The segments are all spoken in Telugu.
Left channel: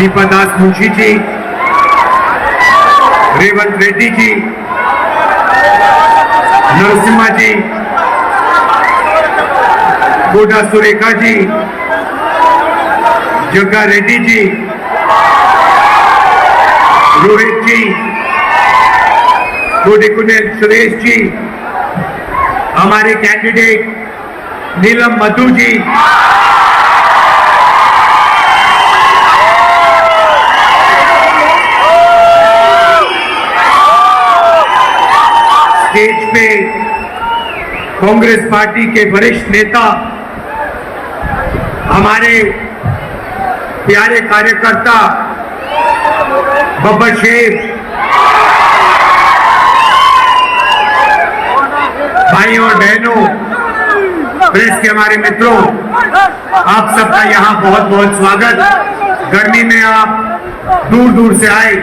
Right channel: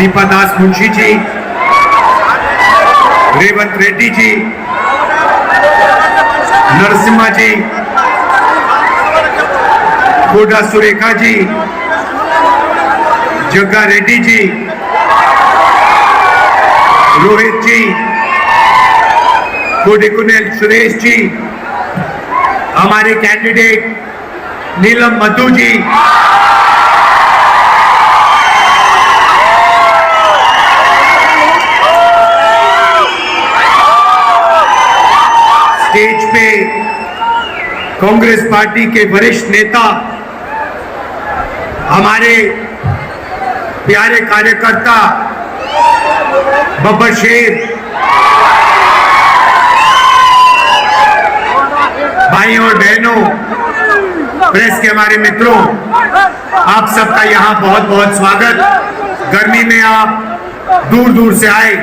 दीपा दास मुंशी जी, रेवंत रेड्डी जी, नरसिम्हा जी, कोडा सुरेखा जी, जग्गा रेड्डी जी, रोहित जी कोडिकुनेल सुरेश जी, हमारे कैंडिडेट नीलम मधु जी पे कांग्रेस पार्टी के वरिष्ठ नेता, हमारे प्यारे कार्यकर्ता, बब्बर शेर, भाई और बहनों, प्रेस के हमारे मित्रों, आप सबका यहाँ बहुत बहुत स्वागत। गर्मी में आप दूर दूर से आए,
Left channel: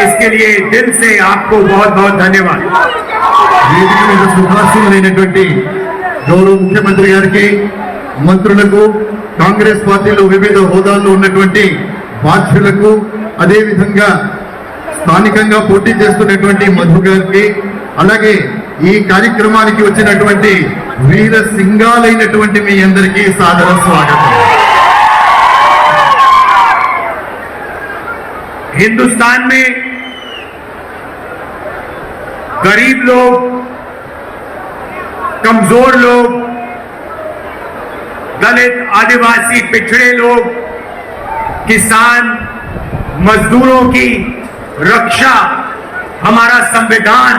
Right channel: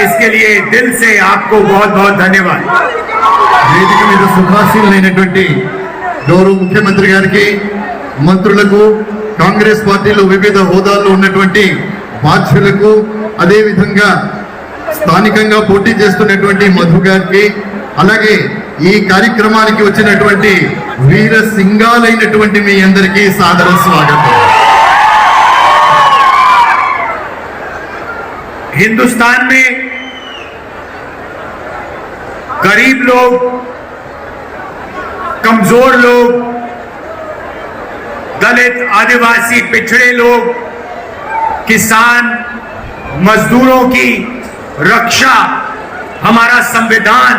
इसके लिए दिल से आपको बहुत बहुत धन्यवाद। వేదిక మీద సుభాషులైనటువంటి గౌరవ ముఖ్యమంత్రి గారికి మంత్రులకు కాంగ్రెస్ పార్టీలో వివిధ హోదాల్లో ఉన్నటువంటి బాధ్యులకు అదే విధంగా స్థానికంగా పోటీ చేస్తున్నటువంటి మధు గారికి అలాగే ఈ కార్యక్రమానికి వచ్చినటువంటి వీర సింగాలైనటువంటి మీ అందరికీ సాదర స్వాగతం हिंदुस्तान में गरीब लोग कमजोर लोग दलित आदिवासी पिछड़े लोग किसान मजदूरों की रक्षा हमारा संविधान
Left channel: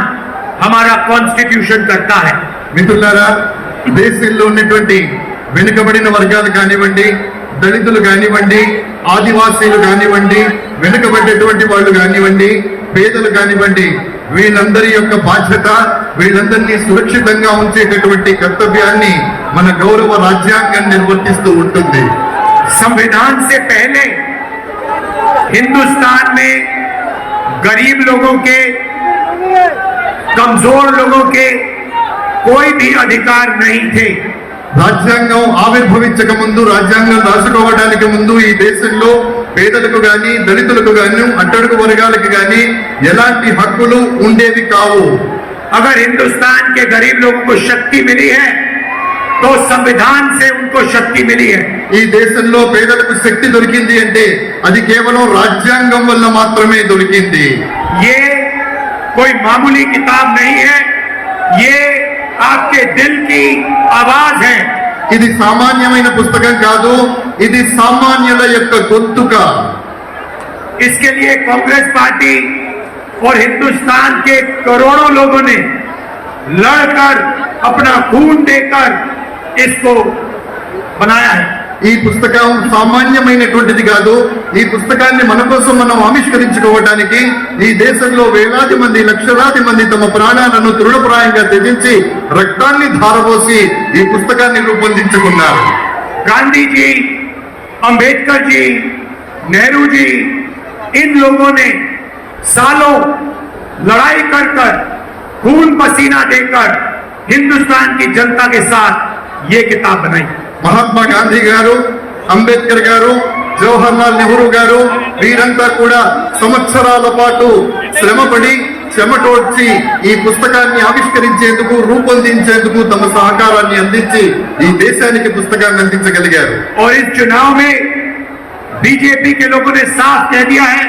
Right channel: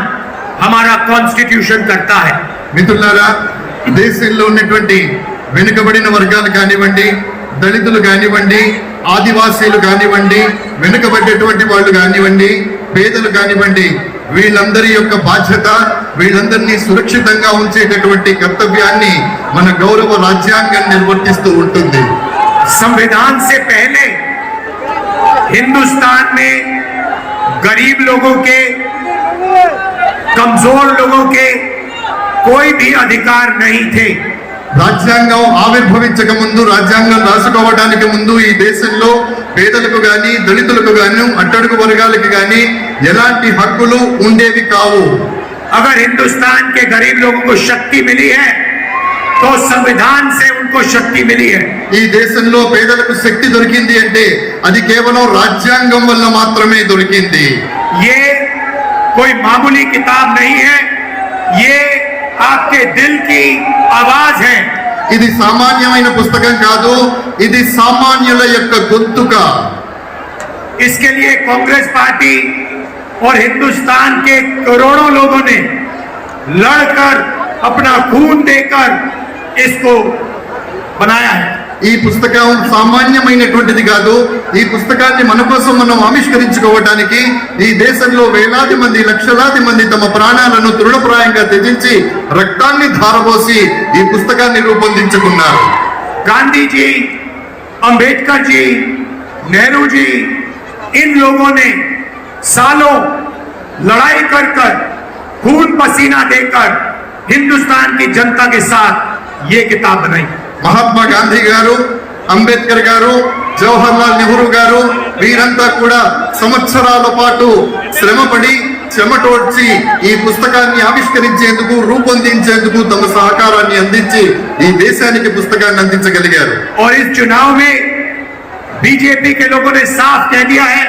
हमारा कॉन्स्टिट्यूशन करता है మిత్రులారా దేశంలో ఉన్నటువంటి వెనుకబడిన వర్గాలు కానివ్వండి దళితులు కానివ్వండి ఆదివాసీలు కానివ్వండి వెనుకబడ్డటువంటి వాళ్ళు కానివ్వండి పేదలు కానివ్వండి వీళ్ళందరి యొక్క బాధ్యత వీళ్ళందరినీ సురక్షితంగా ఉంచేటటువంటి కర్తవ్యాన్ని మన గౌరవ రాజ్యాంగం నిర్వర్తిస్తూ ఉంటుంది संविधान से पहले हिंदुस्तान में गरीब लोगों के कमजोर लोगों के कोई भी अधिकार नहीं थे రాజ్యాంగం ఆవిర్భవించక ముందు రాజ్యాంగం రాసుకోవడానికి ముందు ఈ దేశంలో పేదలకు గాని దళితులకు గాని అట్టడుగు వర్గాలకు గాని ఎలాంటి హక్కులు ఉండేవి కావు. అగర్ హిందుస్థాన్ కే గరీబ్ లోకు శక్తి మిలి హై తో సంవిధాన్ సే ఉన్కో శక్తి మిలి హై ఈ దేశంలో పేదలకు శక్తి దొరికింది అంటే అది కేవలం రాజ్యాంగం వల్ల మాత్రమే దొరికింది. ఏ కోయి మామూలీ కితాబ్ నహీ హై. ఏ दिल की आवाज है ఇది సామాన్యమైన పుస్తకం కాదు ఇది సామాన్యుల యొక్క గొంతుక इसके लिए कांग्रेस पार्टी और हिंदुस्तान के करोड़ों लोगों ने लड़कर अपना खून देकर इसको बनाया है ఈ పుస్తకం సామాన్యమైనటువంటిది కాదు ఈ పుస్తకాన్ని మన కోసం మనం ఆవిష్కరించుకోవడానికి ఈ దేశంలో వేలాది మంది లక్షలాది మంది తమ ప్రాణాలను తృణప్రాయంగా త్యజించి రక్తాన్ని ధారపోసి ఈ పుస్తకాన్ని రూపొందించుకున్నారు गांधी जी अंबेडकर जी नेहरू जी इन लोगों ने सालों लड़ाई कर कर खून पसीना देकर हिंदुस्तान की जनता के साथ ये किताब बनाई మహాత్మా గాంధీ గారు అంబేద్కర్ గారు జవహర్ లాల్ నెహ్రూ గారు వీరంతా కూడా సంవత్సరాల పాటు శ్రమపడి చెమటోడ్చి ఈ పుస్తకాన్ని ఆవిష్కరించేందుకు రూపొందించేందుకు తమ సహకారాన్ని అందించి ఈ దేశానికి పుస్తకాన్ని అందించగలిగారు और इस चुनाव में बीजेपी के लोगों ने साफ कह दिया है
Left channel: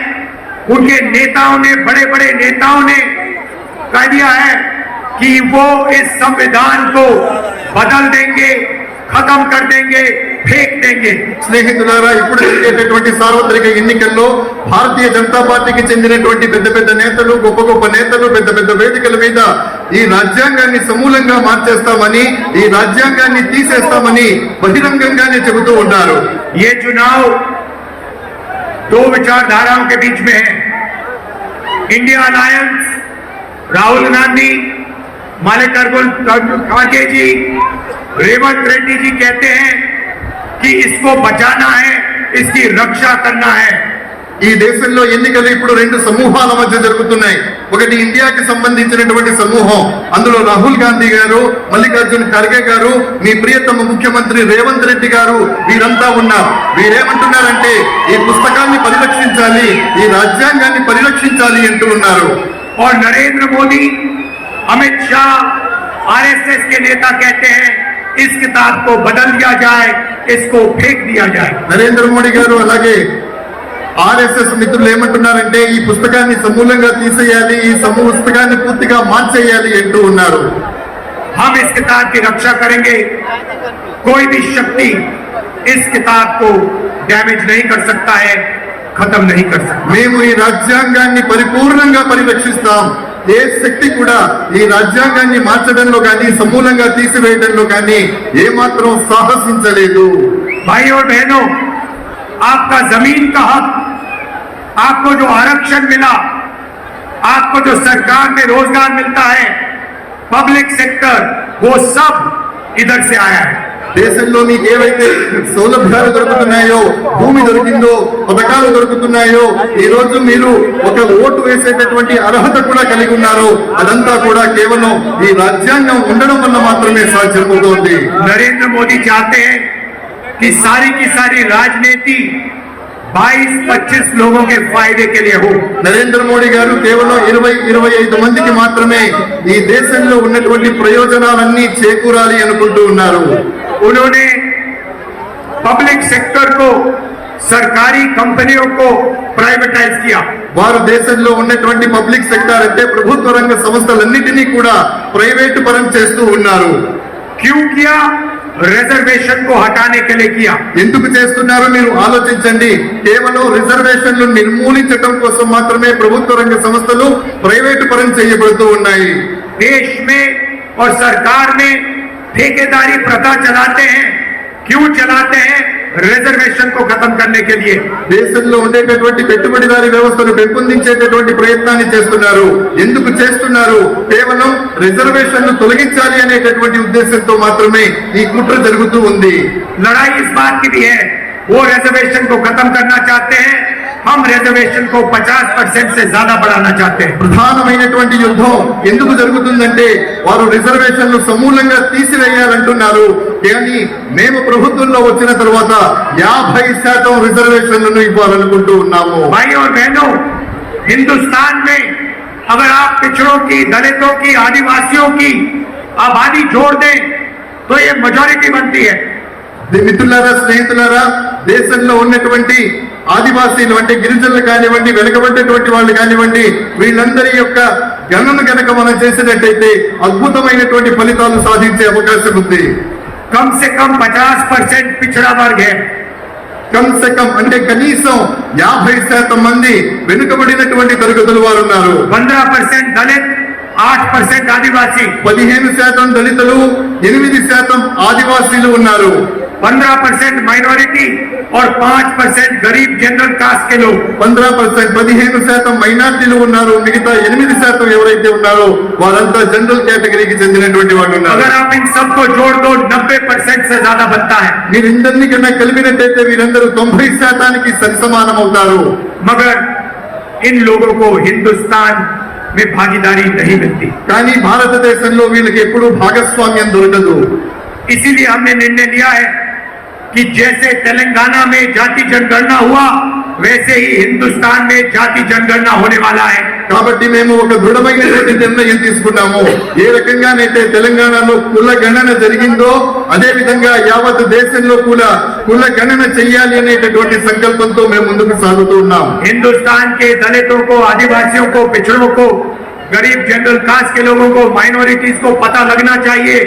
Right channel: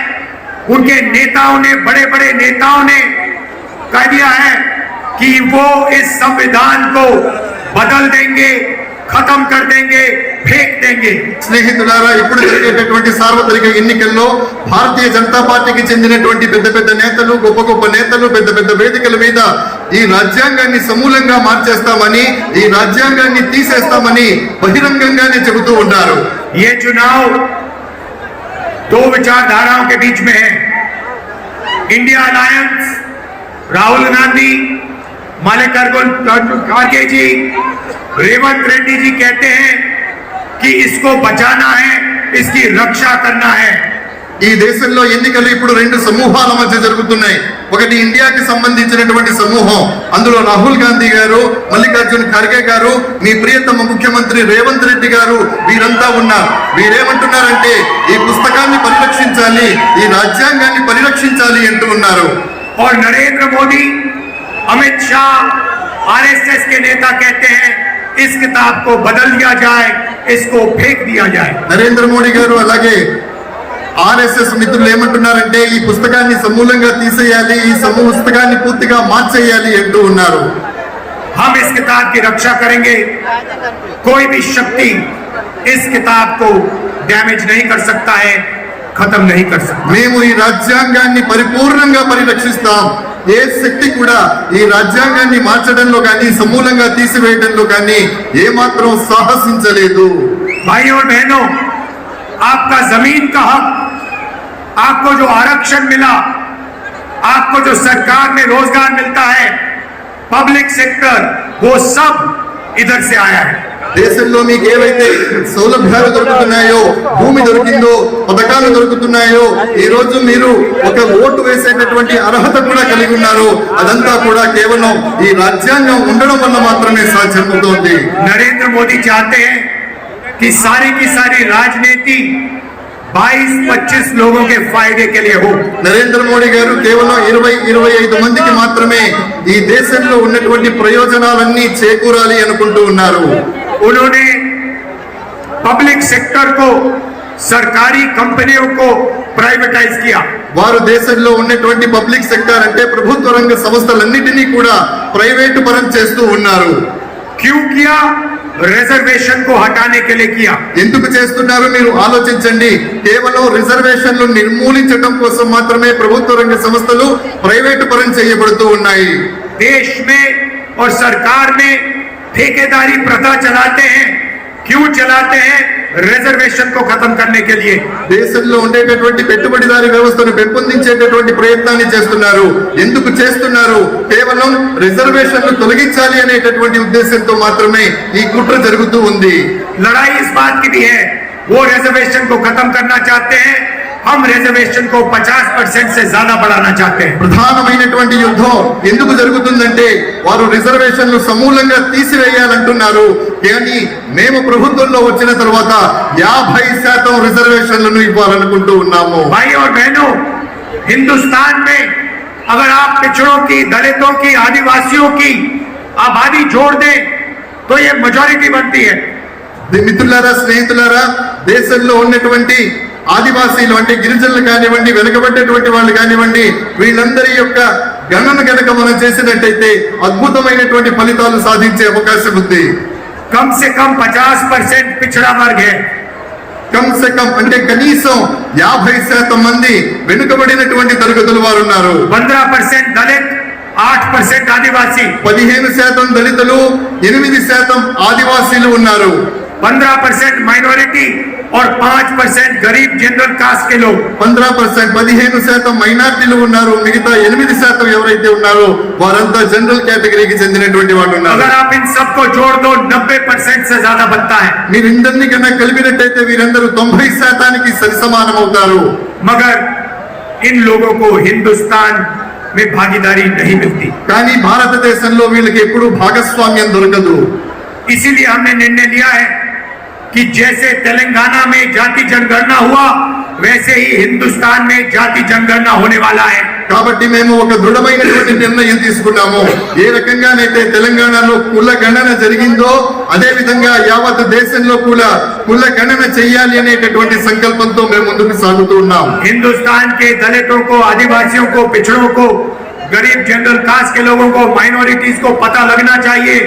उनके नेताओं ने बड़े बड़े नेताओं ने कह दिया है कि वो इस संविधान को बदल देंगे खत्म कर देंगे फेंक देंगे స్నేహితులారా ఇప్పుడు జరిగేటటువంటి సార్వత్రిక ఎన్నికల్లో భారతీయ జనతా పార్టీకి చెందినటువంటి పెద్ద పెద్ద నేతలు గొప్ప గొప్ప నేతలు పెద్ద పెద్ద వేదికల మీద ఈ రాజ్యాంగాన్ని సమూలంగా మార్చేస్తామని ఈ రాజ్యాంగాన్ని తీసేస్తామని బహిరంగంగానే చెబుతూ ఉన్నారు ये चुनाव दो विचारधाराओं के बीच में है इंडिया अलायंस राहुल गांधी मल्लिकार्जुन खड़गे जी रेवंत रेड्डी जी कहते हैं कि इसको बचाना है इसकी रक्षा करना है ఈ దేశంలో ఎన్నికలు ఇప్పుడు రెండు సమూహాల మధ్య జరుగుతున్నాయి ఒకటి ఇండియాకి సంబంధించినటువంటి సమూహం అందులో రాహుల్ గాంధీ గారు మల్లికార్జున్ ఖర్గే గారు మీ ప్రియతమ ముఖ్యమంత్రి రేవంత్ రెడ్డి గారు వీరంతా ఉన్నారు వీరేమంటున్నారంటే ఈ పుస్తకాన్ని పరిరక్షించాలి ఈ రాజ్యాంగాన్ని పరిరక్షించాలి అంటూ ఉన్నారు और नरेंद्र मोदी अमित शाह आरएसएस के नेता कहते हैं इस किताब को बदल दिया जाए इसको फेंक दिया जाए నరేంద్ర మోడీ గారు అలాగే ఆర్ఎస్ఎస్ మిత్రులు ఏమంటున్నారంటే ఈ పుస్తకాన్ని సమూలంగా తీసేయాలి ఈ సమూహ పుస్తకాన్ని పూర్తిగా మార్చేయాలి అంటూ ఉన్నారు हम इस किताब की रक्षा करेंगे कोई भी शक्ति इस किताब को डैमेज नहीं कर सकता है खत्म नहीं कर सकता మేము ఈ రాజ్యాంగాన్ని పరిపూర్ణంగా పరిరక్షిస్తాం ఏ శక్తి కూడా ఈ రాజ్యాంగాన్ని మార్చడంలో కానీ సమూలంగా తీసివేయడంలో కానీ ఏమాత్రం సాహసించలేదు भाई और बहनों आपका जमीन का हक आपको जो आरक्षण मिला आपको जो सरकार में रोजगार मिलता है पब्लिक सेक्टर वो सब इधर से आया है దేశంలో మీకు ఏవైతే సౌలభ్యాలు దొరుకుతున్నాయో భూమి దొరికిందో పథకాలు దొరుకుతున్నాయో ఈ రోజు మీరు ఒక ఓటు వేసేటటువంటి అర్హత కూడా కలిగి ఉన్నారు అదంతా కూడా కేవలం ఈ రాజ్యాంగం ఉండడం వల్ల మాత్రమే సాధ్యమవుతోంది नरेंद्र मोदी चाहते हैं कि सारी की सारी राजनीति 22-25 लोगों के फायदे के लिए हो నరేంద్ర మోడీ గారు కేవలం ఇరవై ఇరవై ఐదు మందికి మాత్రమే ఈ దేశంలో ఉన్నటువంటి ప్రయోజనాలన్నీ చేకూరాలి అనుకుంటూ ఉన్నారు उन्होंने पब्लिक सेक्टर को सरकारी कंपनियों को प्राइवेटाइज किया వారు దేశంలో ఉన్నటువంటి పబ్లిక్ సెక్టర్ అంటే ప్రభుత్వ రంగ సంస్థలన్నిటినీ కూడా ప్రైవేటు పరం చేస్తూ ఉన్నారు क्यों किया रिजर्वेशन को हटाने के लिए किया ఎందుకు చేస్తున్నారో మీరు ఆలోచించండి కేవలం రిజర్వేషన్లు నిర్మూలించడం కోసం మాత్రమే ప్రభుత్వ రంగ సంస్థలు ప్రైవేటు పరం చేయబడుతూ ఉన్నాయి देश में और सरकार में ठेकेदारी प्रथा चलाते हैं क्यों चलाते हैं रिजर्वेशन को खत्म करने के लिए దేశంలో ఉండేటటువంటి పెట్టుబడిదారి వ్యవస్థను పెంపొందించేటటువంటి ప్రయత్నాన్ని చేస్తున్నారు ఎందుకు చేస్తున్నారు కేవలం రిజర్వేషన్లు తొలగించాలి అనేటటువంటి ఉద్దేశంతో మాత్రమే ఈ కుట్ర జరుగుతూ ఉంది लड़ाई इस बात की भी है वो रिजर्वेशन को खत्म करना चाहते हैं हम रिजर्वेशन को 50 परसेंट से ज्यादा बढ़ाना चाहते हैं ప్రధానమైనటువంటి యుద్ధం ఎందుకు జరుగుతుందంటే వారు రిజర్వేషన్లు సమూలంగా తీసివేయాలంటున్నారు కానీ మేము ప్రభుత్వంలో వచ్చిన తర్వాత యాభై శాతం రిజర్వేషన్లను ఇవ్వాలనుకుంటూ ఉన్నాము भाई और बहनों हिंदुस्तान में अगर आप पिछड़ों की दलितों की आदिवासियों की आबादी जोड़ दें तो ये मेजोरिटी बनती है మిత్రులారా స్నేహితులారా దేశంలో ఉన్నటువంటి ఆదివాసీలు అంటే గిరిజనులు కానివ్వండి వెనుకబడ్డటువంటి వాళ్ళు కానివ్వండి వీళ్ళందరి యొక్క గణన గనక మనం చేసినట్టయితే అద్భుతమైనటువంటి ఫలితాలు సాధించే అవకాశం ఉంది. కమ్ పచాస్ పర్సెంట్ పిచ్చడా మార్గే. కమ్ అంటే కనీసం యాభై శాతం మంది వెనుకబడినటువంటి తరగతులు వారు ఉన్నారు. పంద్రా పర్సెంట్ దళిత్ ఆట్ పర్సెంట్ ఆదివాసి. పదిహేను శాతం దళితులు ఎనిమిది శాతం ఆదివాసీలు ఉన్నారు. పంద్రా పర్సెంట్ మైనారిటీ और पाँच परसेंट गरीब जनरल कास्ट के लोग। पंद्रह परसेंट पदहेन शात मैनारटी मिगता एन शातो वा जनरल कैटगरी की चंदे अगर आप इन सबको जोड़ दो नब्बे परसेंट से ज़्यादा बनता है। कल वीरू तुम्बई शाता सरसमान मगर इन लोगों को हिंदुस्तान में भागीदारी नहीं मिलती। कानी भारत देश वील के भागस्वाम्य दुर्गद इसीलिए हमने निर्णय लिया है कि जैसे तेलंगाना में जाति जनगणना हुआ वैसे ही हिंदुस्तान में जाति जनगणना होने वाला है కాబట్టి మేము ఒక దృఢమైనటువంటి నిర్ణయం తీసుకున్నాము ఏ రకంగానైతే తెలంగాణలో కుల గణన జరిగిందో అదే విధంగా యావత్ దేశంలో కూడా కుల గణన చెయ్యాలి అనేటటువంటి సంకల్పంతో మేము ముందుకు సాగుతూ ఉన్నాం हिंदुस्तान के दलितों को आदिवासियों को पिछड़ों को गरीब जनरल कास्ट के लोगों को माइनॉरिटीज को पता लगना चाहिए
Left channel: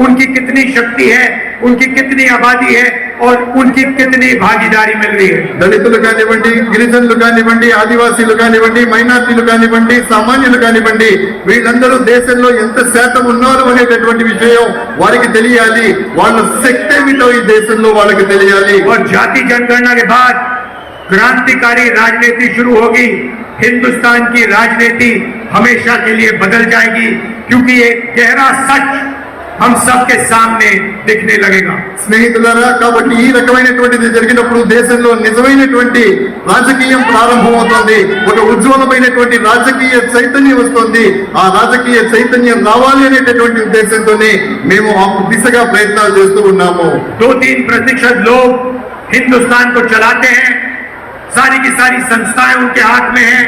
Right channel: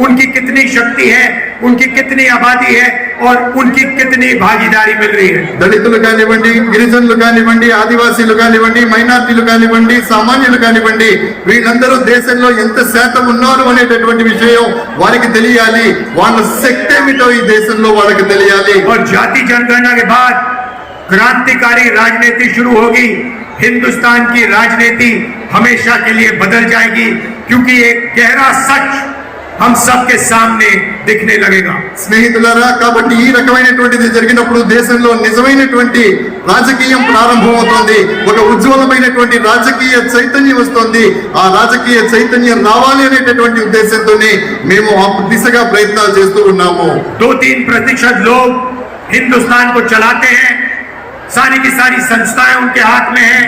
उनकी कितनी शक्ति है उनकी कितनी आबादी है और उनकी कितनी भागीदारी मिल रही है దళితులు కానివ్వండి గిరిజనులు కానివ్వండి ఆదివాసీలు కానివ్వండి మైనార్టీలు కానివ్వండి సామాన్యులు కానివ్వండి వీళ్ళందరూ దేశంలో ఎంత శాతం ఉన్నారు అనేటటువంటి విషయం వారికి తెలియాలి వాళ్ళ శక్తి ఏమిటో ఈ దేశంలో వాళ్ళకి తెలియాలి और जाति जनगणना के बाद क्रांतिकारी राजनीति शुरू होगी हिंदुस्तान की राजनीति हमेशा के लिए बदल जाएगी क्योंकि एक गहरा सच हम सबके सामने दिखने लगेगा స్నేహితులారా కాబట్టి ఈ రకమైనటువంటిది జరిగినప్పుడు దేశంలో నిజమైనటువంటి రాజకీయం ప్రారంభమవుతోంది ఒక ఉజ్వలమైనటువంటి రాజకీయ చైతన్యం వస్తుంది ఆ రాజకీయ చైతన్యం రావాలి అనేటటువంటి ఉద్దేశంతోనే మేము ఆ దిశగా ప్రయత్నాలు చేస్తూ ఉన్నాము दो तीन प्रतिशत लोग हिंदुस्तान को चलाते हैं सारी की सारी संस्थाएं उनके हाथ में है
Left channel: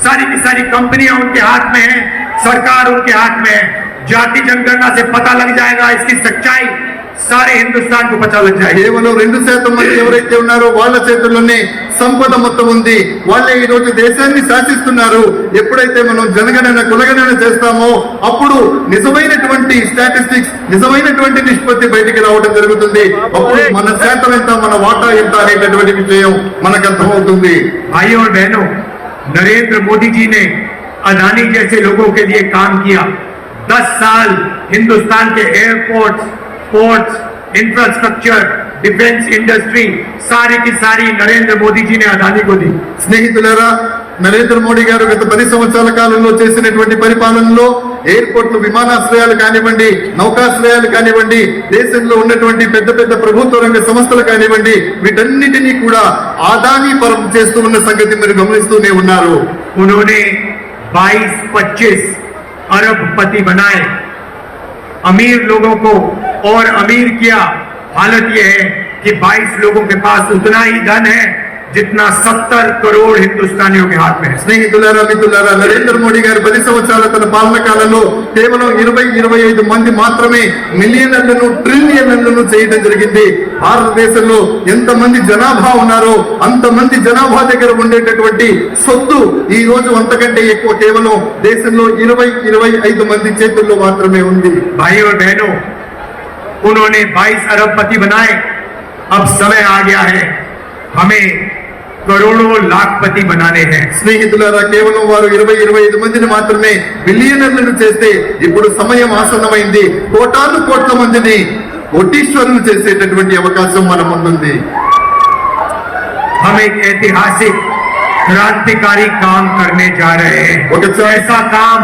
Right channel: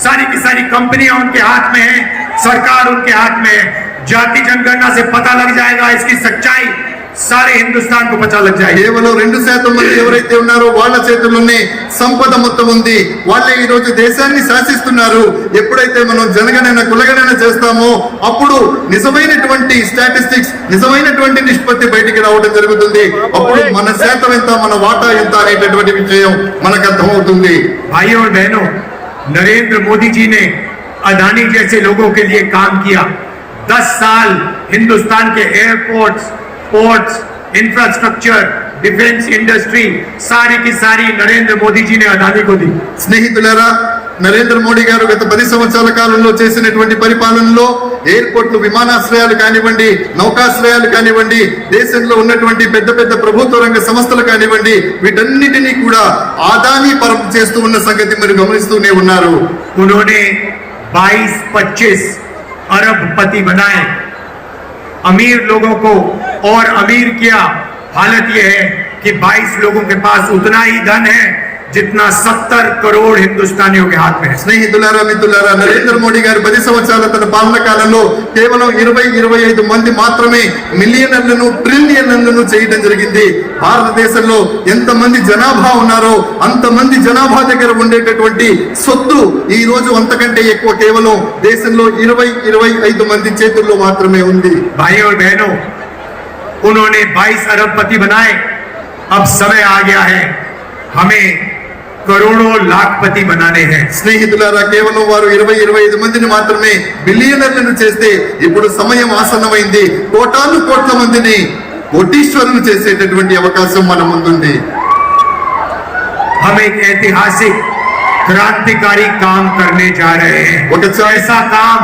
सारी की सारी कंपनियां उनके हाथ में है सरकार उनके हाथ में है जाति जनगणना से पता लग जाएगा इसकी सच्चाई सारे हिंदुस्तान को पता लग जाएगी కేవలం రెండు శాతం మంది ఎవరైతే ఉన్నారో వాళ్ళ చేతుల్లోనే సంపద మొత్తం ఉంది వాళ్ళే ఈ రోజు దేశాన్ని శాసిస్తున్నారు ఎప్పుడైతే మనం జనగణన కులగణన చేస్తామో అప్పుడు నిజమైనటువంటి స్టాటిస్టిక్స్ నిజమైనటువంటి నిష్పత్తి బయటికి రావడం జరుగుతుంది అప్పుడు మన శాతం ఎంత మన వాటా ఎంత అనేటటువంటి విషయం మనకు అర్థమవుతుంది भाइयों और बहनों नरेंद्र मोदी जी ने अदानी जैसे लोगों के लिए काम किया 10 साल हिंदुस्तान के airports ports infrastructure defence industry सारी की सारी नरेंद्र मोदी जी ने अदानी को दी స్నేహితులారా నరేంద్ర మోడీ గారు గత పది సంవత్సరాల కాలంలో చేసినటువంటి పరిపాలనలో ఎయిర్పోర్ట్లు విమానాశ్రయాలు కానివ్వండి నౌకాశ్రయాలు కానివ్వండి దేశంలో ఉన్నటువంటి పెద్ద పెద్ద ప్రభుత్వ రంగ సంస్థలు కానివ్వండి వీటన్నిటినీ కూడా ఆదాని పరం చేస్తూ ఉన్న సంగతి మీరు గమనిస్తూనే ఉన్నారు उन्होंने 22-25 अरब पति बनाए। अमीर लोगों को और अमीर किया। हालत यह है कि 22 लोगों के पास उतना ही धन है जितना 70 करोड़ हिंदुस्तानियों के हाथ में है స్నేహితులారా మిత్రులారా నరేంద్ర మోడీ గారి పది సంవత్సరాల తన పాలన కాలంలో కేవలం ఇరవై ఇరవై ఐదు మంది మాత్రమే మిలియనర్లను ట్రిలియనర్లను చేయడం జరిగింది భారతదేశంలో ఎంత మంది జనాభా ఉన్నారో అంతమంది జనాభా దగ్గర ఉండేటటువంటి సొత్తు ఈ రోజు అంతకంటే ఎక్కువ కేవలం దేశంలో ఇరవై ఇరవై ఐదు మంది చేతుల్లో మాత్రమే ఉంది भाइयों और बहनों उन्होंने 22 अरबपति बनाए अब समय आ गया है हमें करोड़ों लाखपति बनाने हैं స్నేహితులారా కేవలం వారు ఇరవై ఇరవై ఐదు మందిని మాత్రమే బిలియనర్లను చేస్తే ఇప్పుడు సమయం ఆసన్నమైంది కోటాను కోట్ల మందిని కోటీశ్వరులు చేసేటటువంటి అవకాశం మన ముందుంది हम एक ऐतिहासिक क्रांतिकारी काम करने जा रहे हैं ఒక చా- ऐसा काम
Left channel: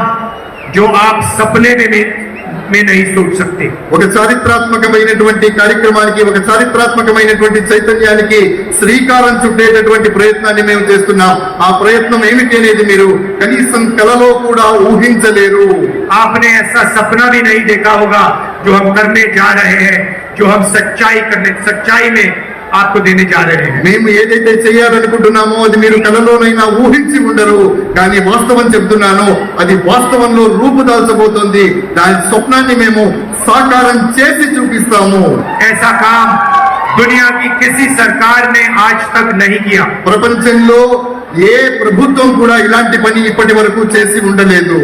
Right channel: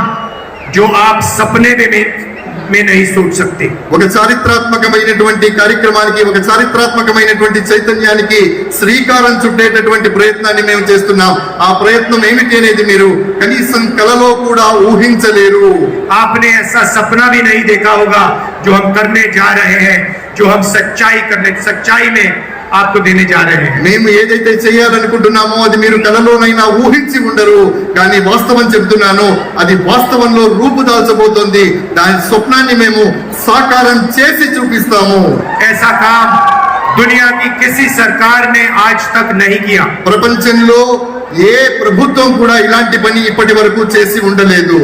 जो आप सपने में भी में नहीं सोच सकते ఒక చారిత్రాత్మకమైనటువంటి కార్యక్రమానికి ఒక చారిత్రాత్మకమైనటువంటి చైతన్యానికి శ్రీకారం చుట్టేటటువంటి ప్రయత్నాన్ని మేము చేస్తున్నాం ఆ ప్రయత్నం ఏమిటి అనేది మీరు కనీసం కలలో కూడా ఊహించలేరు आपने ऐसा सपना भी नहीं देखा होगा जो हम करने जा रहे हैं जो हम सच्चाई करने सच्चाई में आपको देने जा रहे हैं మేము ఏదైతే చేయాలనుకుంటున్నామో అది మీరు కలలోనైనా ఊహించి ఉండరు కానీ వాస్తవం చెప్తున్నాను అది వాస్తవంలో రూపుదాల్చబోతోంది దాని స్వప్నాన్ని మేము సాకారం చేసి చూపిస్తాము ऐसा काम दुनिया की किसी सरकार ने आज तक नहीं किया ప్రపంచంలో ఏ ప్రభుత్వం కూడా ఇలాంటి పని ఇప్పటి వరకు చేసి ఉండలేదు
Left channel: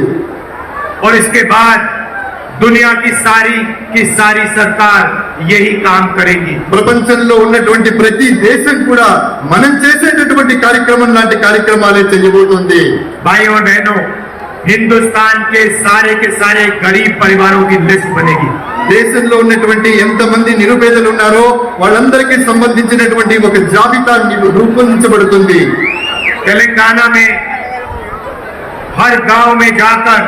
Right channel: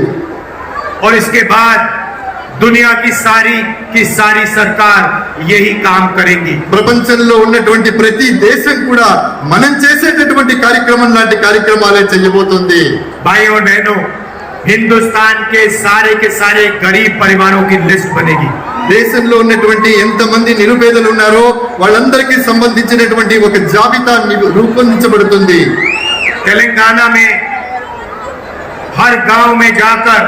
और इसके बाद దునియా కి సారీ కి సారీ సర్కార్ యహీ కామ్ కరేగి ప్రపంచంలో ఉన్నటువంటి ప్రతి దేశం కూడా మనం చేసేటటువంటి కార్యక్రమం లాంటి కార్యక్రమాలే చేయబోతుంది. భాయో నేను హిందుస్థాన్ కే సారే కే సారే గరీబ్ పరివారో కి లిస్ట్ బనేగి దేశంలో ఉన్నటువంటి ఎంతమంది నిరుపేదలు ఉన్నారో వాళ్ళందరికీ సంబంధించినటువంటి ఒక జాబితా రూపొందించబడుతుంది. తెలంగాణ మే హర్ గావ్ మే జాకర్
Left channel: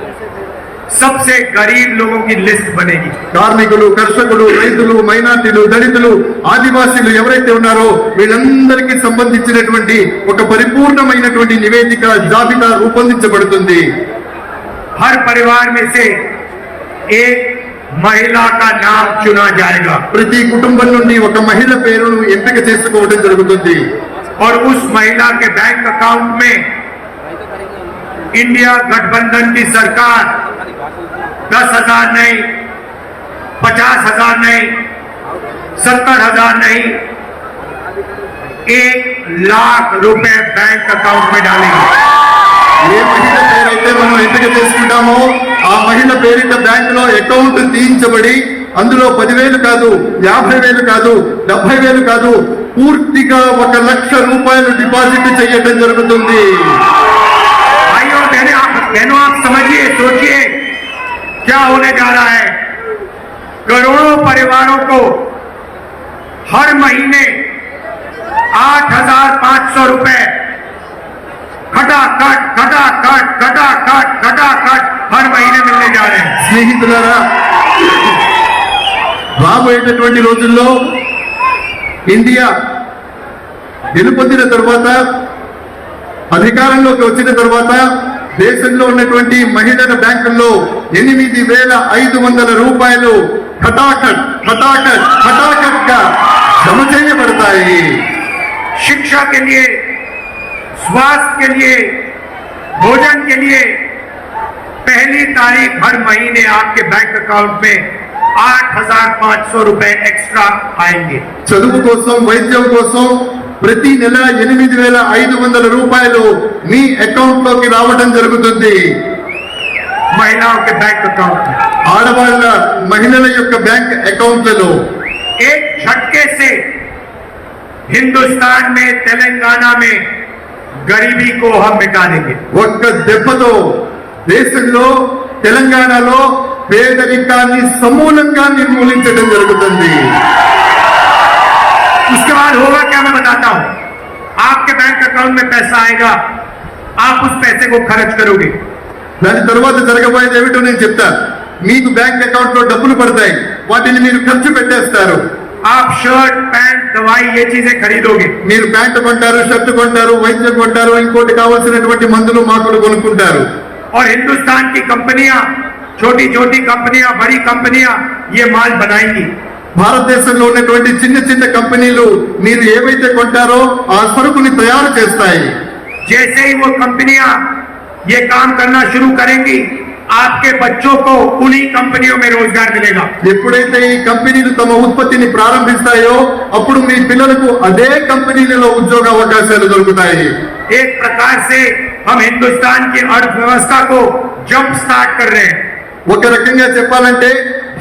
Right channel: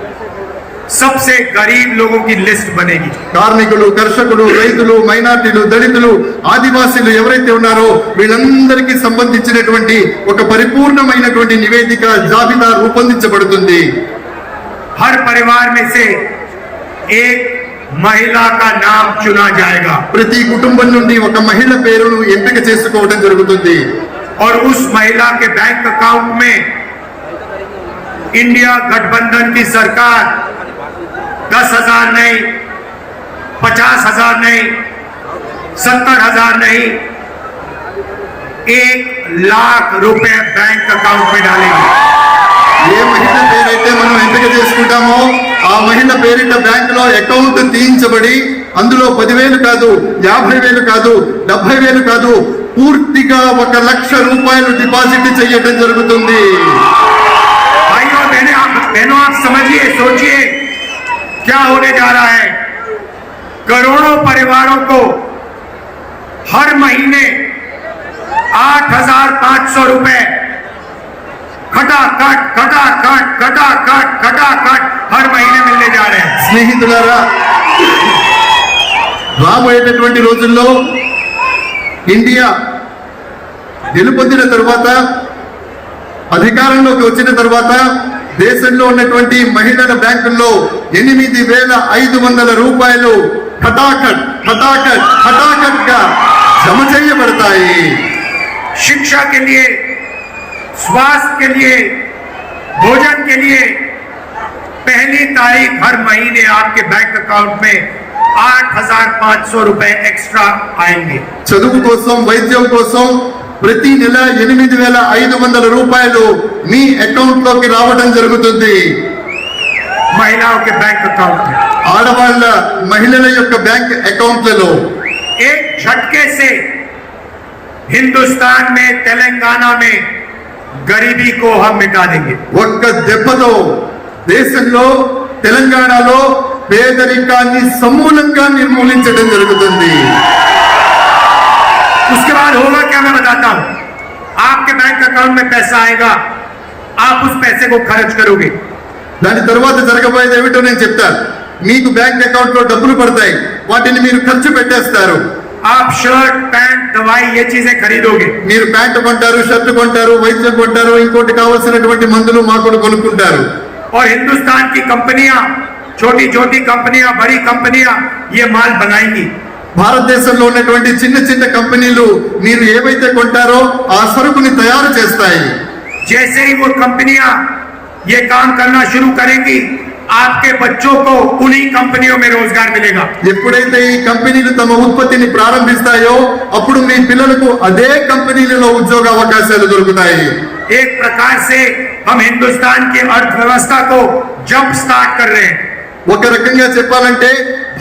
सबसे गरीब लोगों की लिस्ट बनेगी కార్మికులు కర్షకులు రైతులు మైనార్టీలు దళితులు ఆదివాసీలు ఎవరైతే ఉన్నారో వీళ్ళందరికీ సంబంధించినటువంటి ఒక పరిపూర్ణమైనటువంటి నివేదిక జాబితా రూపొందించబడుతుంది हर परिवार में से एक महिला का नाम चुना जाएगा ప్రతి కుటుంబం నుండి ఒక మహిళ పేరును ఎంపిక చేసుకోవడం జరుగుతుంది और उस महिला के बैंक अकाउंट में इंडिया गठबंधन की सरकार दस हजार नहीं पचास हजार नहीं सत्तर हजार नहीं एक लाख रुपए बैंक अकाउंट में डालेंगे ఏ మహిళ పేరైతే మనం ఎంపిక చేసుకుంటామో ఆ మహిళ పేరిట బ్యాంక్ లో అకౌంట్ తీయించబడి అందులో పదివేలు కాదు యాభై వేలు కాదు డెబ్బై వేలు కాదు పూర్తిగా ఒక లక్ష రూపాయలు డిపాజిట్ చేయడం జరుగుతుంది परिवारों को हर महीने आठ हजार पांच सौ रुपए खटाखट खटाखट खटाखट खटाखट हर महीने मिलने जा रहे हैं స్నేహితులారా రాబోయేటటువంటి రోజుల్లో ఇండియా గెలుపొందిన తరువాత అధికారంలోకి వచ్చిన తరువాత దేశంలో ఉన్నటువంటి మహిళల బ్యాంకుల్లో ఎనిమిది వేల ఐదు వందల రూపాయలు హఠాకట్ హఠాకట్ హఠాకట్ గా జమ చేయబడతాయి शिक्षा के लिए स्वास्थ्य के लिए भोजन के लिए पहली तारीख हर महीने आपके बैंक अकाउंट में आठ हजार पांच सौ रुपए एक्स्ट्रा आएंगे చదువు కోసం వైద్యం కోసం ప్రతి నెల ఎనిమిది వేల ఐదు వందల రూపాయలు మీ అకౌంట్ లోకి రావడం జరుగుతుంది महिलाओं के बैंक अकाउंट में ఆడవాళ్ళ మహిళల యొక్క బ్యాంక్ అకౌంట్లలో एक झटके से हिंदुस्तान में तेलंगाना में गरीबी को हम मिटा देंगे ఒక్క దెబ్బతో దేశంలో తెలంగాణలో పేదరికాన్ని సమూలంగా నిర్మూలించడం జరుగుతుంది उसके बाद होगा क्या मैं बताता हूं आपके बैंक अकाउंट में पैसा आएगा आप उस पैसे को खर्च करोगे దాని తర్వాత జరగబోయేది ఏమిటో నేను చెప్తాను మీకు బ్యాంక్ అకౌంట్ లో డబ్బులు పడతాయి వాటిని మీరు ఖర్చు పెట్టేస్తారు आप शर्ट पैंट दवाई ये चीजें खरीदोगे మీరు ప్యాంట్ కొంటారు షర్ట్ కొంటారు వైద్యం కొంటారు ఇంకోటి కావాల్సినటువంటి మందులు మాకులు కొనుక్కుంటారు और हिंदुस्तान की कंपनियां छोटी छोटी कंपनियां बड़ी कंपनियां ये माल बनाएंगी భారతదేశంలో ఉన్నటువంటి చిన్న చిన్న కంపెనీలు మీరు ఏవైతే కొంటారో ఆ సరుకుని తయారు చేస్తాయి जैसे ही वो कंपनियां ये काम करना शुरू करेंगी आपके बच्चों को उन्हीं कंपनियों में रोजगार मिलेगा ఎప్పుడైతే ఈ కంపెనీలు తమ ఉత్పత్తిని ప్రారంభిస్తాయో అప్పుడు మీ పిల్లలకు అదే కంపెనీలలో ఉద్యోగ అవకాశాలు దొరుకుతాయి एक प्रकार से हम हिंदुस्तान की अर्थव्यवस्था को जंप स्टार्ट कर रहे हैं ఒక రకంగా చెప్పాలంటే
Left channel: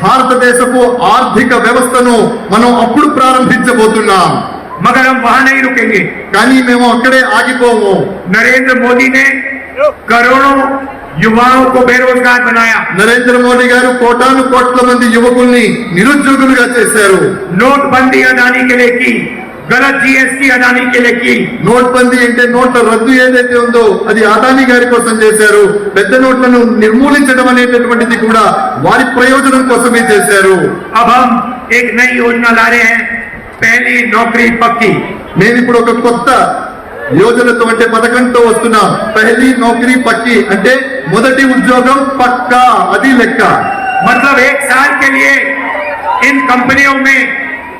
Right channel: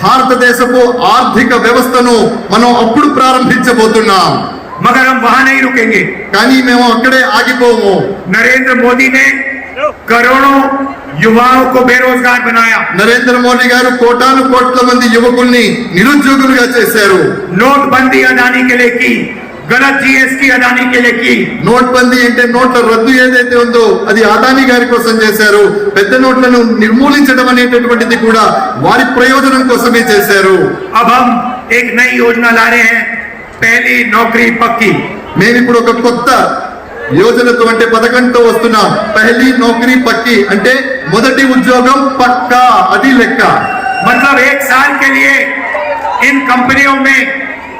భారతదేశపు ఆర్థిక వ్యవస్థను మనం అప్పుడు ప్రారంభించబోతున్నాం मगर हम वहां नहीं रुकेंगे కానీ మేము అక్కడే ఆగిపోము नरेंद्र मोदी ने కరోనా యువకు బేరోజ్గార్ బనాయా నరేంద్ర మోడీ గారు కోటాను కోట్ల మంది యువకుల్ని నిరుద్యోగులుగా చేశారు. నోట్ బందీ అడానీ కెలేకి గలత్ జిఎస్టీ అడానీ కెలేకి నోట్ బందీ అంటే నోట్ల రద్దు ఏదైతే ఉందో అది అడానీ గారి కోసం చేశారు. పెద్ద నోట్లను నిర్మూలించడం అనేటటువంటిది కూడా వారి ప్రయోజనం కోసమే చేశారు. అబ్ హమ్ ఏక్ నయీ యోజన లా రహే హై పహలే నౌకరీ పక్కి. మేము ఇప్పుడు ఒక కొత్త యోజనతో అంటే పథకంతో వస్తున్నాం పహలీ నౌకరీ పక్కి అంటే మొదటి ఉద్యోగం పక్కా అది లెక్క मतलब एक साल के लिए इन कंपनियों में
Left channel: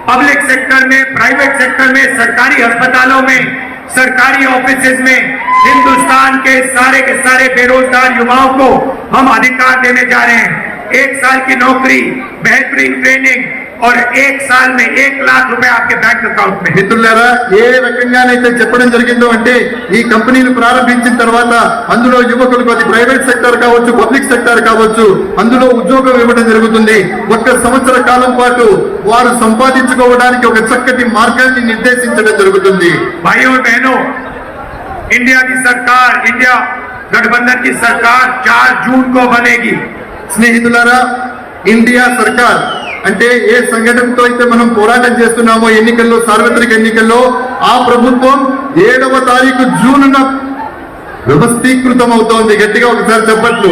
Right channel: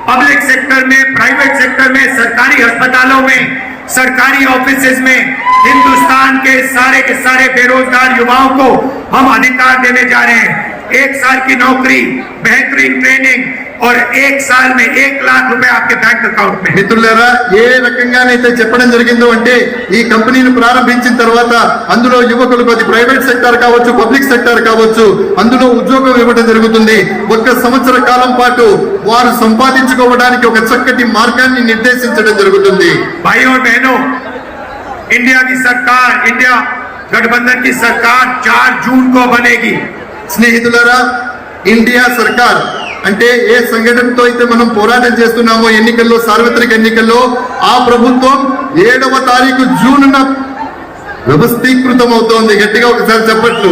पब्लिक सेक्टर में प्राइवेट सेक्टर में सरकारी अस्पतालों में सरकारी ऑफिसेज में हिंदुस्तान के सारे के सारे बेरोजगार युवाओं को हम अधिकार देने जा रहे हैं एक साल की नौकरी बेहतरीन ट्रेनिंग और एक साल में एक लाख रुपए आपके बैंक अकाउंट में మిత్రులారా ఏ రకంగానైతే చెప్పడం జరిగిందో అంటే ఈ కంపెనీని ప్రారంభించిన తర్వాత అందులో యువకులకు అది ప్రైవేట్ సెక్టర్ కావచ్చు పబ్లిక్ సెక్టర్ కావచ్చు అందులో ఉద్యోగం ఇవ్వడం జరుగుతుంది ఒక్క సంవత్సర కాలం పాటు వారు సంపాదించుకోవడానికి ఒక చక్కటి మార్గాన్ని నిర్దేశించడం జరుగుతుంది भाइयों और बहनों इंडिया की सरकार इंडिया गठबंधन की सरकार 4 जून को बनेगी స్నేహితులారా ఇండియా సర్కార్ అంటే ఏ సంఘటనతో అయితే మనం పోరాటం చేస్తున్నామో ఎన్నికల్లో సార్వత్రిక ఎన్నికల్లో ఆ ప్రభుత్వం ఏడవ తారీఖు జూన్ వ్యవస్థీకృతం అవుతోంది గట్టిగా ఒకసారి చెప్పట్లు.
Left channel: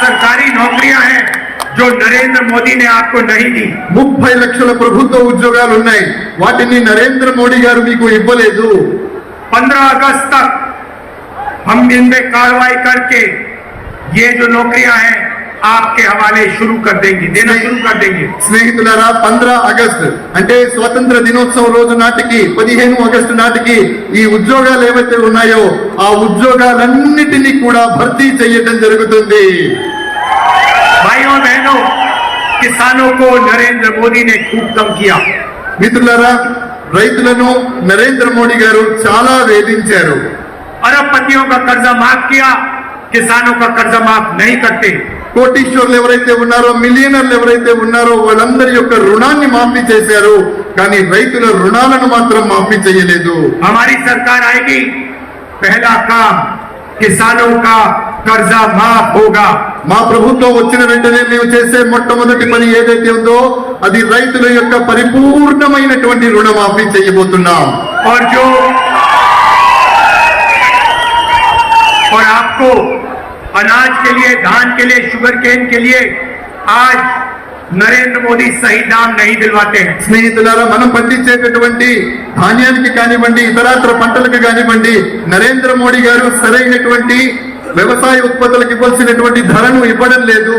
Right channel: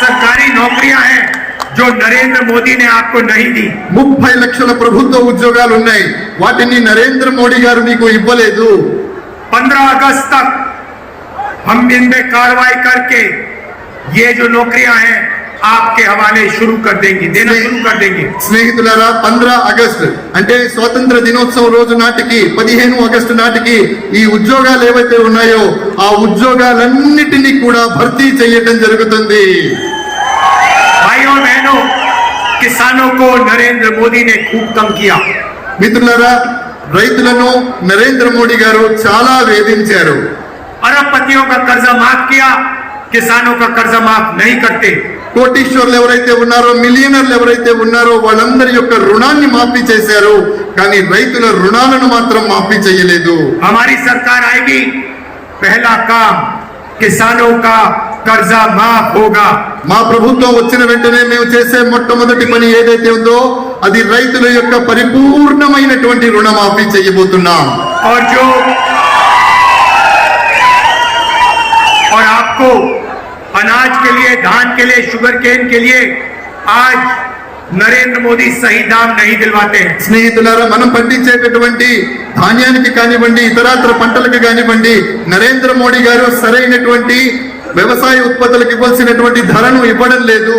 సర్కారీ నౌకరియా నరేంద్ర ముప్పై లక్షల ప్రభుత్వ ఉద్యోగాలు ఉన్నాయి. వాటిని నరేంద్ర మోడీ గారు మీకు ఇవ్వలేదు. 15 అగస్ట్ హమ్ కార్వాయి కర్కే ये जो नौकरियां हैं आपके हवाले शुरू कर देंगे देना शुरू कर देंगे స్నేహితులారా పంద్ర ఆగస్టు అంటే స్వాతంత్ర దినోత్సవం రోజు నాటికి పదిహేను ఆగస్టు నాటికి ఈ ఉద్యోగాలు ఏవైతే ఉన్నాయో ఆ ఉద్యోగాలన్నిటినీ కూడా భర్తీ చేయటం జరుగుతుంది भाइयों और बहनों किसानों को नरेंद्र मोदी ने खूब कम किया మిత్రులారా రైతులను నరేంద్ర మోడీ గారు చాలా వేధించారు अरबपतियों का कर्जा माफ किया किसानों का कर्जा माफ नहीं करते కోటీశ్వర్లు ఎవరైతే ఉన్నారో మిలియనర్లు ఎవరైతే ఉన్నారో వాళ్ళందరి యొక్క రుణాన్ని మాఫీ చేశారు కానీ రైతుల రుణాలను మాత్రం మాఫీ చేయలేదు हमारी सरकार आएगी पहला काम किसानों का कर्जा माफ होगा మా ప్రభుత్వం వచ్చిన వెంటనే మేము చేసే మొట్టమొదటి పని ఏదైతే ఉందో అది రైతుల యొక్క పరిపూర్ణమైనటువంటి రుణమాఫీ చేయబోతున్నాం और जो और आपको अनाज के लिए धान के लिए शुगर केन के लिए आज नरेंद्र मोदी सही दाम नहीं दिलवाते हैं స్నేహితులారా మనం పండించేటటువంటి ధాన్యానికి కానివ్వండి ఇతరాత్ర పంటలకు కానివ్వండి నరేంద్ర మోడీ గారు సరైనటువంటి వ్యవసాయ ఉత్పత్తులకు ఇవ్వాల్సినటువంటి ధరను ఇవ్వడం లేదు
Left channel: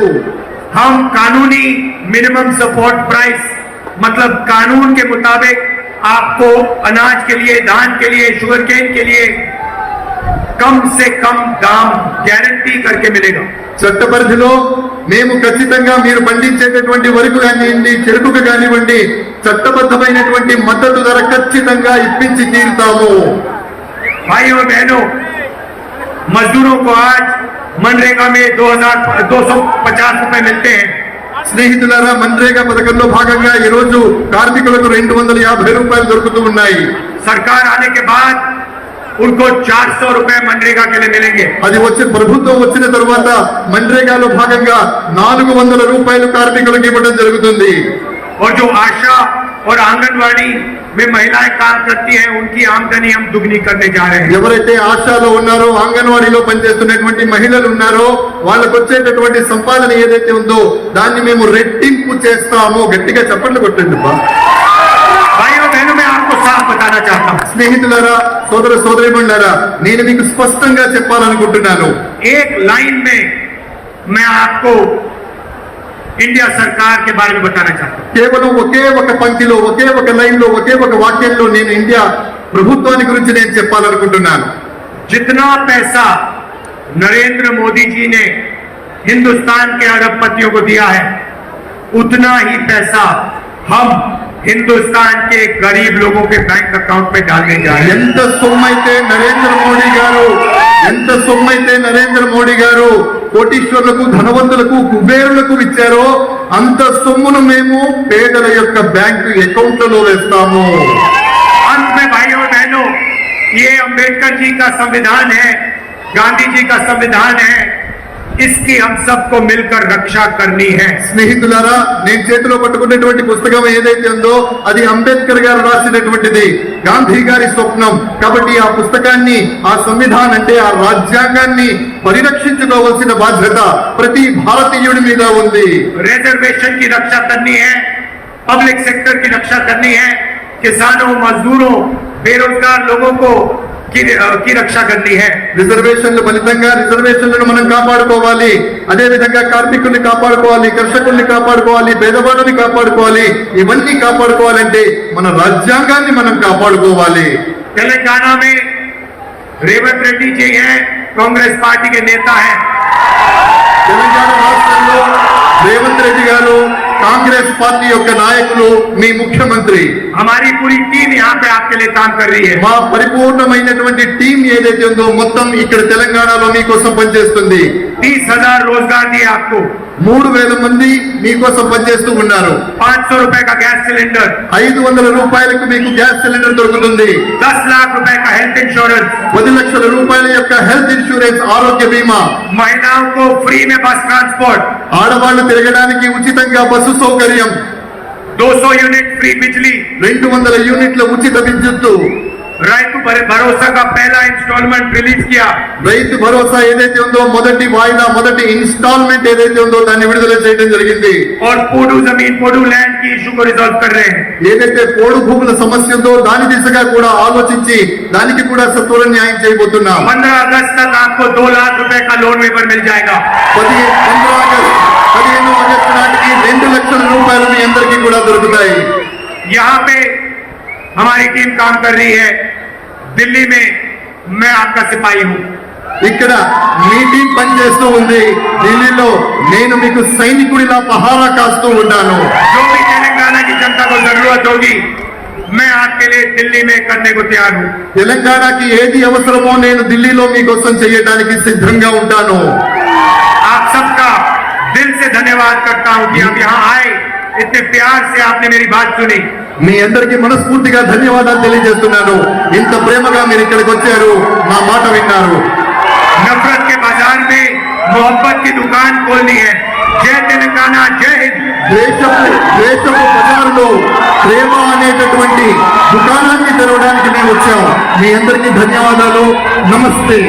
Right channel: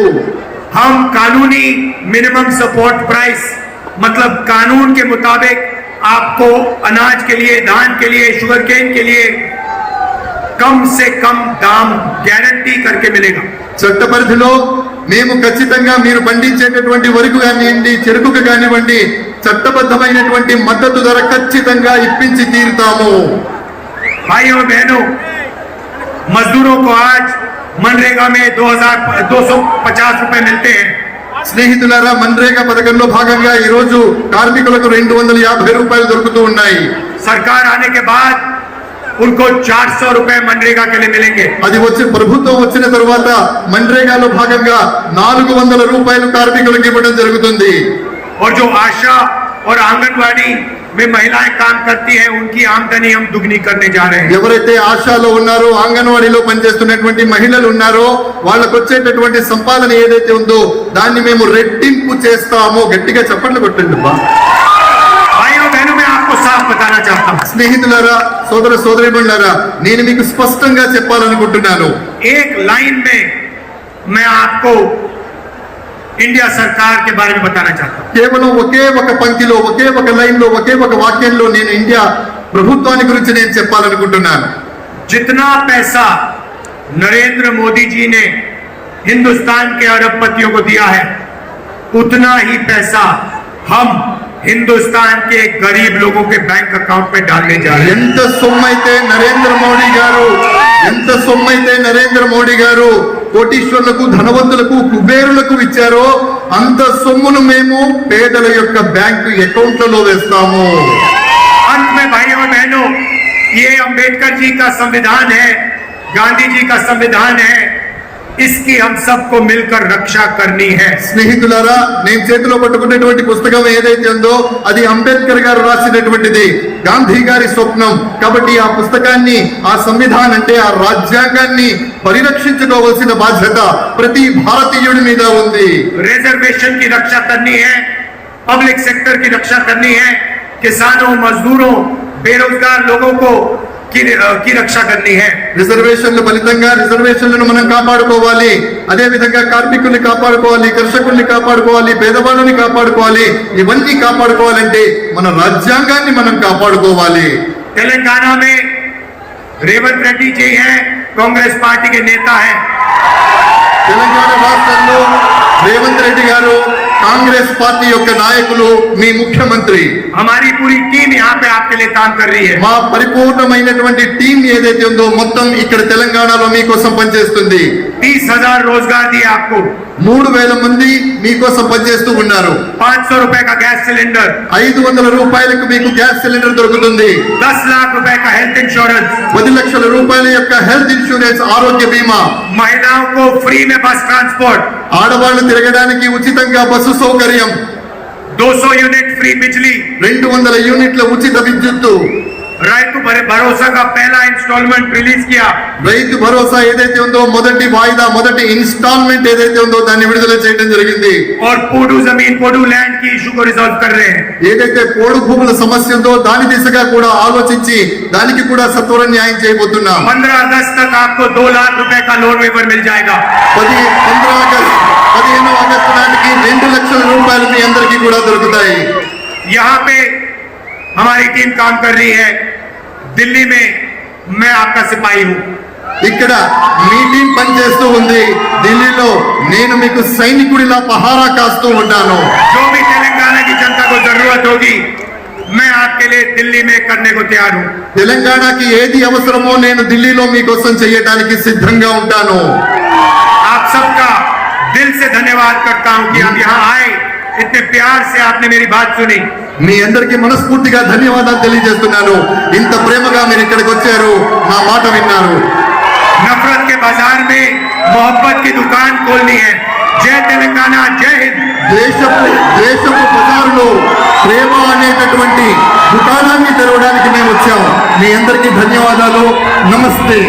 हम कानूनी मिनिमम सपोर्ट प्राइस मतलब कानून के मुताबिक आपको अनाज के लिए धान के लिए शुगर केन के लिए కమ్ సే కమ్ దామ్ గ్యారంటీ కరికే మిలేగా చట్ట పరిధిలో మేము ఖచ్చితంగా మీరు పండించేటటువంటి వరకు కానివ్వండి చెరుకుకు కానివ్వండి చట్టబద్ధమైనటువంటి మద్దతు ధర ఖచ్చితంగా ఇప్పించి తీరుతాము. భాయో బహనో మజ్దూరో ఆజ్ మన్రేగా మే దో హజార్ దో సో పచాస్ రూపాయ మిల్తే స్నేహితులారా మన్రేగా పథకంలో భాగంగా ఈ రోజు కార్మికులకు రెండు వందల యాభై రూపాయలు దొరుకుతూ ఉన్నాయి. సర్కార్ ఆనే బాద్ उनको 400 रुपए मनरेगा के लिए मिलेंगे అది వచ్చి ప్రభుత్వం వచ్చిన తర్వాత మన్రేగాలో భాగంగా నాలుగు వందల రూపాయలు కార్మికులకు ఇవ్వడం జరుగుతుంది और जो आशा और आंगनवाड़ी में महिलाएं काम करती हैं उनकी आमदनी हम दुगनी करने जा रहे हैं ఎవరైతే ఆశాలో ఉన్నారో అంగన్వాడీలో పనిచేస్తున్నటువంటి మహిళలు ఉన్నారో వాళ్ళకు వచ్చేటటువంటి సంపాదన ఏదైతే ఉందో దాన్ని మేము రెట్టింపు చేస్తామో గట్టిగా చప్పట్లు కొట్టండి అబ్బా. స్నేహితులారా సోదర సోదరిమణులారా నేను మీకు స్పష్టంగా చెప్పాలనుకుంటున్నాను एक लाइन में मैं आपको इंडिया सरकार के बारे में बताना चाहता हूं కేవలం ఒకే ఒక పంక్తిలో ఒకే ఒక లైన్ లో ఒకే ఒక వాక్యంలో నేను ఇండియా ప్రభుత్వాన్ని గురించి నేను చెప్పాలనుకుంటున్నాను जितना पैसा नरेंद्र मोदी जी ने हिंदुस्तान के अरबपतियों को दिया है उतना ही पैसा हम हिंदुस्तान के गरीब लोगों के बैंक अकाउंट में डालने जा रहे हैं ఎంత సొమ్మైతే నరేంద్ర మోడీ గారు ఎంత సొమ్మైతే నరేంద్ర మోడీ గారు కోటీశ్వర్లకు ధనవంతులకు కుబేరులకు ఇచ్చారో అంత సొమ్మును మేము పేదల యొక్క బ్యాంకు అకౌంట్లలో వేస్తాము अंत में भाइयों और बहनों ये अंबेडकर जी का संविधान है गांधी जी का संविधान है इसकी हम सबको मिलकर रक्षा करनी है స్నేహితులారా నేను చేతిలో పట్టుకున్నటువంటి పుస్తకం ఏదైతే ఉందో అది అంబేద్కర్ గారు రాసినటువంటిది గాంధీ గారి స్వప్నం కాబట్టి ఆ పుస్తకాన్ని ఆ సంవిధానం అంటే ఆ రాజ్యాంగాన్ని పరిరక్షించుకోవాల్సిన బాధ్యత ప్రతి భారతీయుడి మీద ఉంది रिजर्वेशन की रक्षा करनी है पब्लिक सेक्टर की रक्षा करनी है किसानों मजदूरों बेरोजगार लोगों को की, की रक्षा करनी है రిజర్వేషన్ల ఫలితంగా రిజర్వేషన్లను మనం కాపాడుకోవాలి అదే విధంగా కార్మికుల్ని కాపాడుకోవాలి కర్షకుల్ని కాపాడుకోవాలి పేదవాళ్ళని కాపాడుకోవాలి ఇవన్నీ కాపాడుకోవాలంటే మన రాజ్యాంగాన్ని మనం కాపాడుకోవాలి तेलंगाना में रेवंत रेड्डी जी हैं कांग्रेस पार्टी के नेता हैं తెలంగాణ రాష్ట్రంలో రేవంత్ రెడ్డి గారు కాంగ్రెస్ పార్టీ యొక్క నాయకులు మీ ముఖ్యమంత్రి हमारी पूरी टीम यहाँ पे आपके लिए काम कर रही है మా పరిపూర్ణమైనటువంటి టీం ఏదైతే ఉందో మొత్తం ఇక్కడ తెలంగాణలో మీకోసం పనిచేస్తుంది तीस हजार रोजगार दिए आपको మూడు వేల మంది మీకోసం పనిచేస్తూ ఉన్నారు पाँच सौ रुपए का गैस सिलेंडर ఐదు వందల రూపాయలకు మీకు గ్యాస్ సిలిండర్ దొరుకుతుంది दस लाख रुपए का हेल्थ इंश्योरेंस పది లక్షల రూపాయల యొక్క హెల్త్ ఇన్సూరెన్స్ ఆరోగ్య బీమా महिलाओं को फ्री में बस ट्रांसपोर्ट ఆడవాళ్లు తిరగడానికి ఉచితంగా బస్సు సౌకర్యం. దోసో యూనిట్ ఫ్రీ బిజ్లీ. రెండు వందల యూనిట్ల ఉచిత విద్యుత్ రైతు భరోసాగా కా instalment release Kia. Rythu Bharosa ఏదైతే ఉందో మొదటి వాయిదా మొదటి ఇన్స్టాల్మెంట్ ఏదైతే ఉందో దాన్ని విడుదల చేయడం జరిగింది. ఆర్ పోడు జమీన్ పోడు ల్యాండ్కి ఇష్యూ కో రిజాల్వ్ కర్ రహే ఏదైతే పోడు భూముల సమస్య ఉందో దాని దిశగా కూడా ఆలోచించి దానికి కూడా సత్వర న్యాయం చేయబోతున్నా. 15 అగస్ట్ తక్ ఆప్కో 2 లక్ష రూపాయ లోన్ వేవర్ మిల్ జాయేగా 15 అగస్ట్ 15 అగస్ట్ నాటికి 2 లక్షల కూడా దొరుకుతాయి यहाँ पे हमारी टीम काम कर रही है दिल्ली में मैं आपका सिपाही हूँ ఇక్కడ మీ టీం పనిచేస్తూ ఉంది ఢిల్లీలో నేను మీకు సైనికుడిలా పహారా కాస్తూ ఉంటాను जो भी तेलंगाना की जनता को जरूरत होगी मैं आपके लिए दिल्ली में करने को तैयार हूँ తెలంగాణకి ఏది అవసరమో నేను ఢిల్లీలో మీకోసం చేయడానికి సిద్ధంగా ఉంటాను आप सबका दिल से धन्यवाद करता हूं कि आप यहाँ आए इतने प्यार से आपने मेरी बात सुनी మీ అందరికీ మనస్ఫూర్తిగా ధన్యవాదాలు తెలియజేస్తున్నాను ఇంత ప్రేమగా మీరు ఇక్కడికి వచ్చారు మా మాట విన్నారు नफरत के बाजार में मोहब्बत की दुकान खोलनी है जय तेलंगाना जय हिंद ద్వేషపు ద్వేషపు బజారులో ప్రేమ అనేటటువంటి దుకాణాన్ని తెరవడానికి మేము వచ్చాం మీ అందరికీ ధన్యవాదాలు నమస్తే